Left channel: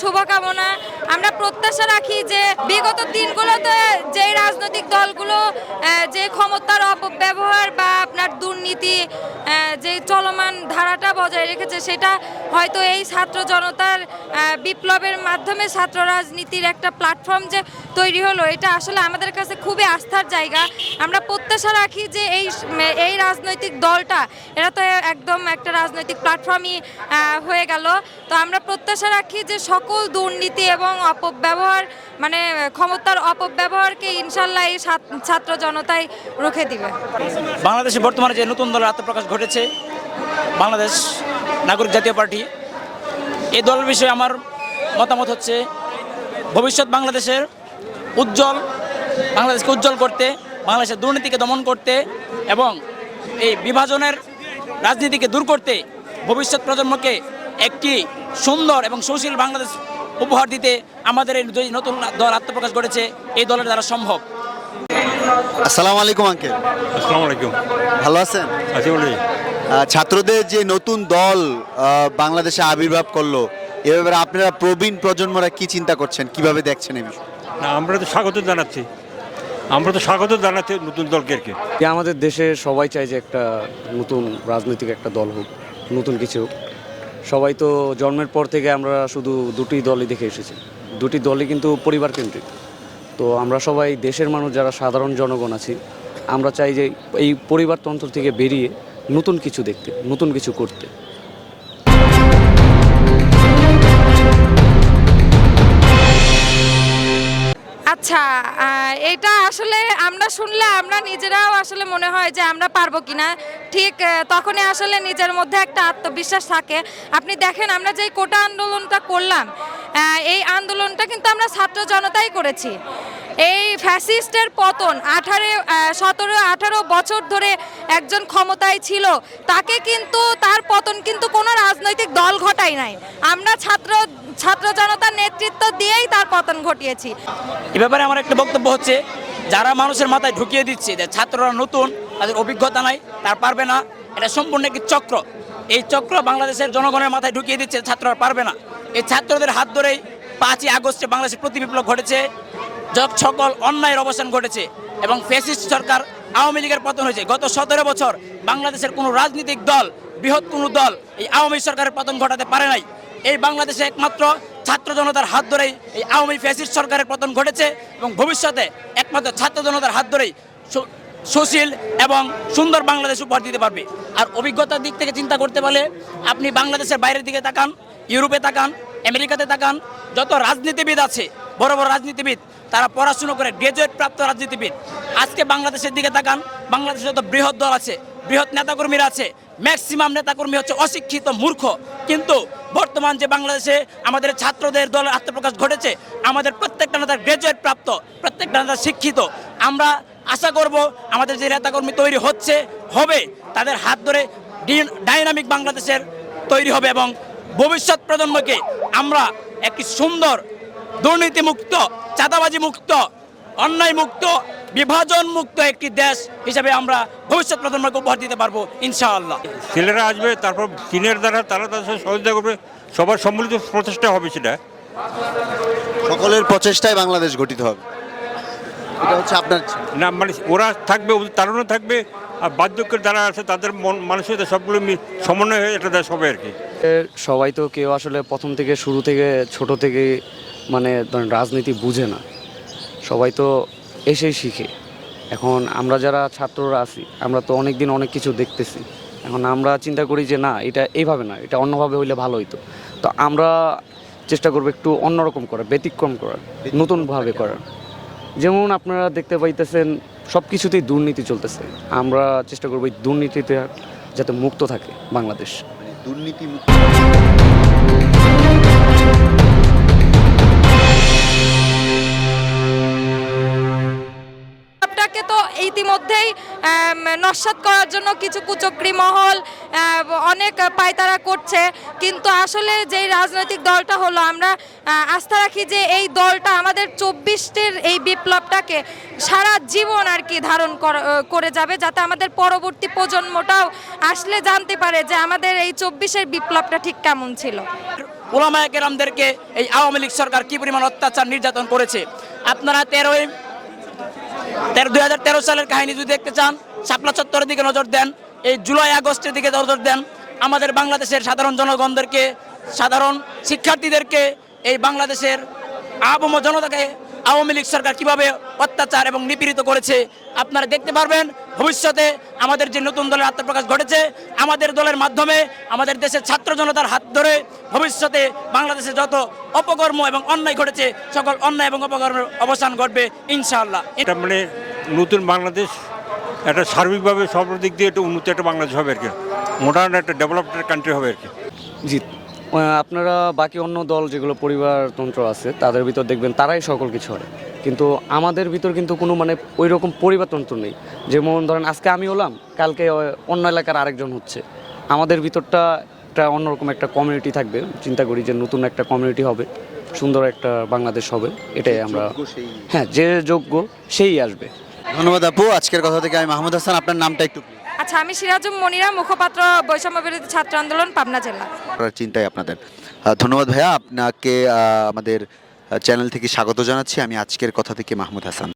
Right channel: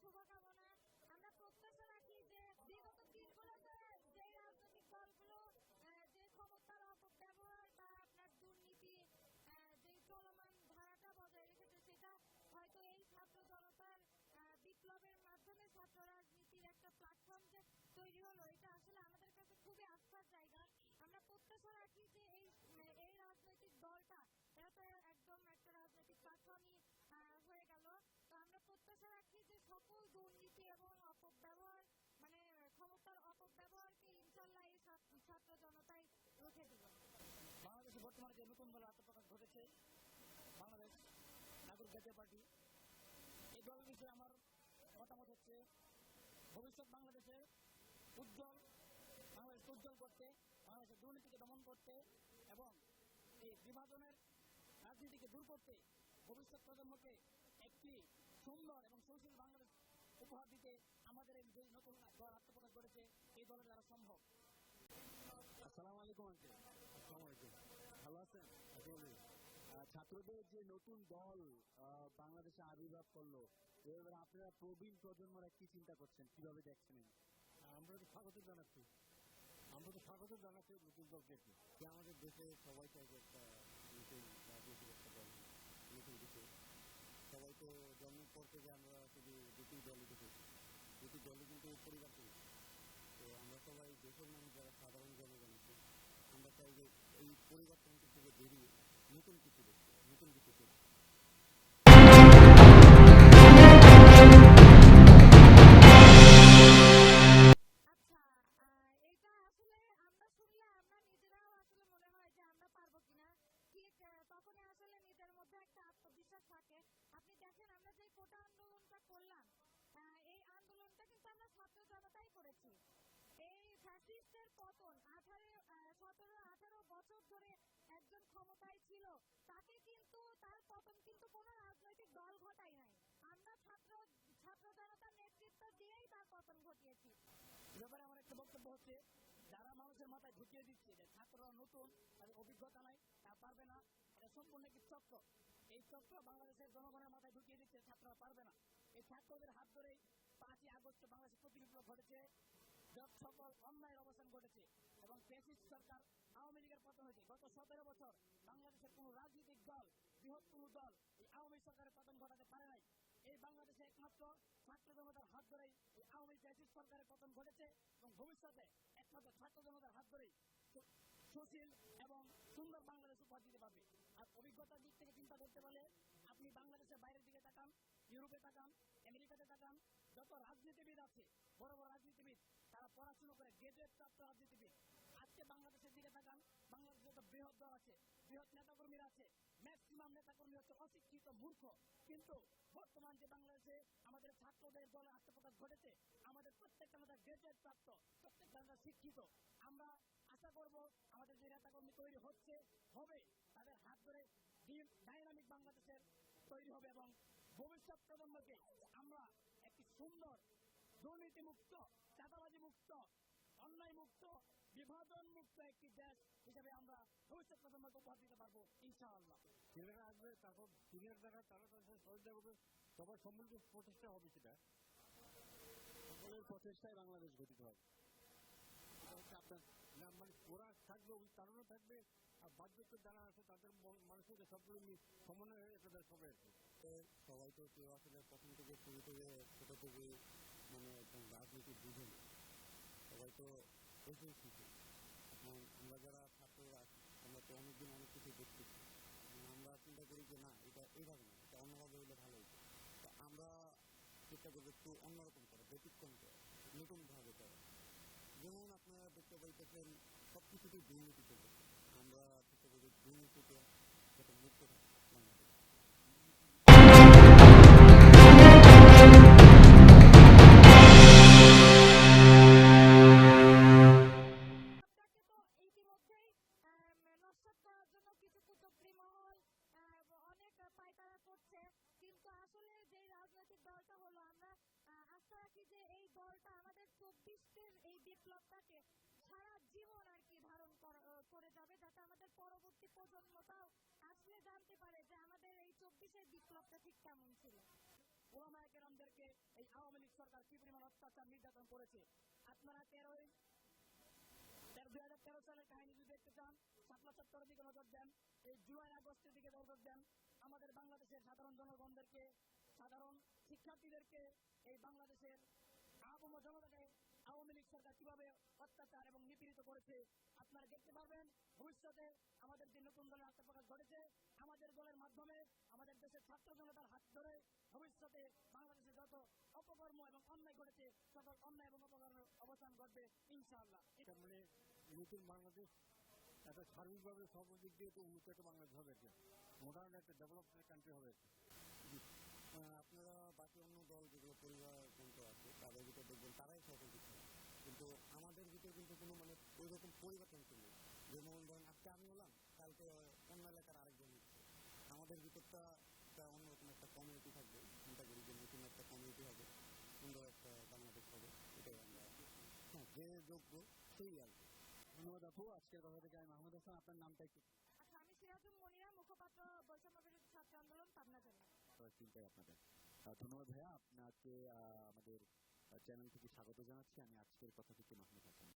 শুভকামনা। আমরা প্রত্যাশা রাখি যে বিগত দিনগুলোতে যে রাজনৈতিক দলগুলো যে ক্ষমতার অপব্যবহার বা আপনার দুর্নীতি যে চলমান ধারাটা বজায় রেখেছে, সেটা হয়তো এই ছাত্র জনতার বিপ্লবের মাধ্যমে ছাত্র রাজনীতির একটা প্ল্যাটফর্ম যে তৈরি হলো, এটা আসলে আমাদের কাছে খুবই আস্থার জায়গা। আমরা প্রত্যাশা রাখি যে এই রাজনৈতিক দলটা, এরা তো একদম একটা রাজনৈতিক প্ল্যাটফর্মই হয়ে গেল। তো আমরা প্রত্যাশা রাখি যে সকল দুর্নীতি এবং অপব্যবহার, মানে ক্ষমতার অপব্যবহারকে ইনশাল্লাহ এই ছাত্র জনতাই রুখে দিবে। বাংলাদেশে বর্তমানে যে নতুন দলের আত্মপ্রকাশ ঘটেছে, বাংলাদেশ নাগরিক জাতীয় পার্টি, এই দলের বিষয়ে আমার মতামত হচ্ছে ভবিষ্যৎ বাংলাদেশের বাংলাদেশকে উজ্জ্বল করতে, বাংলাদেশের দুর্নীতিকে দমন করতে এবং এই বিভাজনের রাজনীতিকে দূর করতে ভবিষ্যৎ প্রজন্মকে একটি সুন্দর এবং সুশীল বাংলাদেশ উপহার দিতে আমাদের এই যে নতুন দল আত্মপ্রকাশ ঘটেছে, এই দলের দ্বারা সম্ভব। আসসালামু আলাইকুম আঙ্কেল। আসসালামু আলাইকুম। ভালো আছেন? আছি বলি। ছাত্রদের যে নতুন দল বাংলাদেশে আবির্ভাব করলো, এ ব্যাপারে আপনারা প্রবীণ প্রজন্মরা কি চিন্তা করছেন, কিভাবে দেখছেন এই বিষয়? না, আমরা তো স্বাগত জানাচ্ছি নতুন দলকে। যে আমাদের দেশে সবাই চায় যে একটা নতুন রাজনৈতিক একটা দল হোক, নতুন কিছু হোক। সবাই তো জন্মের পর থেকে আমরা শুধু দুটি দলই দেখে এসেছি, দুটি দলই কিন্তু পরিবার কেন্দ্রিক। তো আমরা সবাই দেশের মানুষ যারা সাধারণ জনগণ আছি, আমরা চাই যে এই পরিবারতন্ত্র থেকে বেরিয়ে নতুন কিছু দেখতে, নতুন কিছু করতে। আচ্ছা, এটা আসলে আমরা শুনলে আমরা নিজেরাও আসলে মনে হয় যে আমরা পারবো কিনা। ঠিক তখনই আসলে নিজের মধ্যে একটা আত্মবিশ্বাস থাকে। আপনি দেখেন, আমরা যেই কোটা আন্দোলনটা করলাম, এই আন্দোলনটা কিন্তু আমরা ছাত্র জনতাই করেছি। এই ফ্যাসিস্টের পতন 17-18 বছর ধরে একজন ক্ষমতায় ছিল, তাকে কিন্তু তার পতন কিন্তু কোনো রাজনৈতিক দল ঘটায় নাই, আমরা ছাত্র জনতার নেতৃত্ব দিয়েই তার পতন ঘটিয়েছি। এ ব্যাপারে আমার একটা বক্তব্য হচ্ছে, যারা মানুষের মাথায় ঢুকিয়ে দিচ্ছে যে ছাত্ররা নতুন, তাদের অভিজ্ঞতা নাই, তার পারবে না, এটা সম্পূর্ণ একটি চক্র। এই চক্র বাংলাদেশের জনগণের মাথায় ঢুকিয়ে দিচ্ছে ছাত্ররা পারবে না। এই ছাত্রদের হাত ধরেই 5ই আগস্টে বাংলাদেশে প্রতি বিপ্লব ঘটেছে, সকল অন্যায়ের অবসান ঘটেছে এবং ফ্যাসিস্ট সরকার আওয়ামী লীগের পতন হয়েছে। গত 17 বছর বাংলাদেশের কোনো রাজনৈতিক দল, বৃহৎ কোনো দল এই আওয়ামী সরকারের পতন ঘটাতে পারে নাই। এই বাংলাদেশে একমাত্র ছাত্র জনতার হাত ধরেই এই আওয়ামী ফ্যাসিস্ট সরকারের পতন ঘটেছে এবং ভবিষ্যতে একমাত্র ছাত্র জনতার হাত ধরেই সুশীল এবং সুন্দর বাংলাদেশ উপহার দিতে পারবে। আর অভিজ্ঞতার দিক থেকে চিন্তা করতে পারলে আপনি বাংলাদেশের বাইরের দিকে তাকান, ইউরোপে তাকান, আমেরিকাতে তাকান, যত রাজনীতিবিদ আছে, বড় বড় রাজনীতিবিদ, তারা পড়াশুনো করে গ্রাজুয়েট প্রাপ্ত রাজনীতিবিদ। আজকে বাংলাদেশের দিকে তাকান, বাংলাদেশে যত বৃহৎ দল আছে, বৃহৎ নেতাকর্মীরা আছে, ম্যাক্সিমাম নেতাকর্মী হচ্ছে অশিক্ষিত, মূর্খ। কিন্তু বর্তমান যে বাংলাদেশে আমাদের ছাত্রদের দলের আত্মপ্রকাশ ঘটেছে, আমাদের প্রত্যেকটা নেতা গ্রাজুয়েট প্রাপ্ত, প্রত্যেকটা নেতা শিক্ষিত। আমরা আশা করব আমাদের যে নেতাকর্মী তৈরি হবে, তাদের হাত ধরে ডাইনামিক বাংলাদেশের তৈরি হবে এবং ভবিষ্যৎ প্রজন্মকে আমরা একটি সুন্দর, দুর্নীতিমুক্ত, চাঁদাবাজি মুক্ত, অন্যায় মুক্ত, বিভাজন মুক্ত একটি দেশ হিসেবে আমরা ভবিষ্যৎ প্রজন্মকে উপহার দিতে পারবো ইনশাআল্লাহ। ছেলেরা আসবে, তারপর চীনের দ্বারা তারা তাদের সাথে সহযোগিতা করবে, সবার সম্মিলিত প্রচেষ্টা হবে। সেটা সকলের প্রচেষ্টায় বাংলাদেশ গঠিত হবে, এটা হচ্ছে আপনার না, মানে ওরা থাকবে, ওদের তারুণ্য থাকবে, আর বার্ধক্যের দ্বারা আছে তাদের মানসিকতা সবগুলো সমন্বয় হয়ে এটা দেশ হবে আর কি। সবাই তো কেউ আসলে প্রথম থেকে শুরু থেকে ছোট থেকে মানে রাজনীতি বুঝে না, সবাই তো এসেই শিখে। এখন আমরা যারা ছাত্ররা আছি, আমরা তো অনেক দিন অনেক কিছু দেখতেছি। এখন আমরা চিন্তা করি যে না, এটা এইভাবে না, এটা অন্যভাবে হইলে ভালো হইতো। তো আমরা চেষ্টা করবো একটু অন্যরকম করার, ব্যতিক্রম করার, নতুনভাবে করার। যেমন আপনারা দেখতে পাইতেছেন সব কিছুতেই দুর্নীতি চলতেছে, আমরা চেষ্টা করবো এই দুর্নীতিতে যাতে মুক্ত থাকে বাংলাদেশ, দুর্নীতি মুক্ত। তো ইতিমধ্যেই নস্যাৎ করার জন্য কিছু কুচক্রী মহল অনেক পায়তারা করছে, কিন্তু আসলে যেই রাজনৈতিক দলটা হলো, আমরা আস্থা রাখি যে এই দলটা আমাদের 24-এর এই বিপ্লবটাকে সারা জীবন আর কি ধারণ করে যাবে, যাতে আমাদের পরবর্তী প্রজন্মটাও আসলে জানতে পারে যে আমাদের এই 24-এর বিপ্লবটা ঠিক কেমন ছিল। ওলামায়ে কেরামদেরকে এই আওয়ামী লীগ সরকার কি পরিমাণ অত্যাচার নির্যাতন করেছে। আপনারা 2013 সালের কাহিনী যদি দেখতে চান, শাপলা চত্বরের দিকে নজর দেন, এই জুলাই আগস্টের দিকে নজর দেন, আমাদের বাংলাদেশের সাধারণ জনগণদেরকে, সাধারণ শিক্ষার্থীদেরকে, এই বাংলাদেশের আবম জনতাকে আওয়ামী লীগ সরকার কিভাবে অত্যাচার এবং নিপীড়িত করেছে আপনারা দেখতে পারবেন। ভবিষ্যতে আমাদের যে নতুন দলের আত্মপ্রকাশ ঘটেছে, আমাদের দলের মাধ্যমে আমাদের দেশের ছাত্র জনতার হাত ধরে ভবিষ্যতে বাংলাদেশে যত অপকর্ম এবং অন্যায় ঘটেছে সকল অন্যায় এবং অপকর্মের অবসান ঘটবে ইনশাআল্লাহ। এটা মানে নতুন বাংলাদেশ, একটা সার্বিকভাবে সব দিক দিয়ে একটা উন্নত একটা বাংলাদেশ হবে আর কি, মডার্ন একটা ডেভেলপড কান্ট্রি হবে আর কি। জি, আপনারা বাকি অন্য দল যেগুলো পরিবারতন্ত্র আছে তাদের ভিতর দেখবেন তারাই সকল কিছু হয়, কিন্তু আমাদের ভিতর কিন্তু কোনো মানে ওই রকম পরিবারতন্ত্র নেই। যেমন ধরেন আজকে আমি হলাম, কালকে অন্য এলাকার আরেকজন হচ্ছে। আমাদের ভিতরটা একটা অন্যরকম একটা কমিউনিটি থাকবে, চিন্তা করি যে নতুন একটা কমিউনিটি হবে, সুন্দর একটা বাংলাদেশ হবে, এটাই আমরা, হ্যাঁ যে যোগ্য সেই আসবে। ধন্যবাদ আপু। আজকের কথা থেকে আমি মাহমুদ হাসান, আপনার নামটা একটু আচ্ছা, আমি সিরাজুম মনিরা, মুখপাত্র বৈষম্য বিরোধী ছাত্র আন্দোলন, পাবনা জেলা। করার চিন্তায় আপনাদের। ধন্যবাদ ভাইয়া, আপনাকে আমাদের চ্যানেল থেকে স্বাগত জানাচ্ছি। আমি আজকের কথা থেকে মাহমুদ হাসান।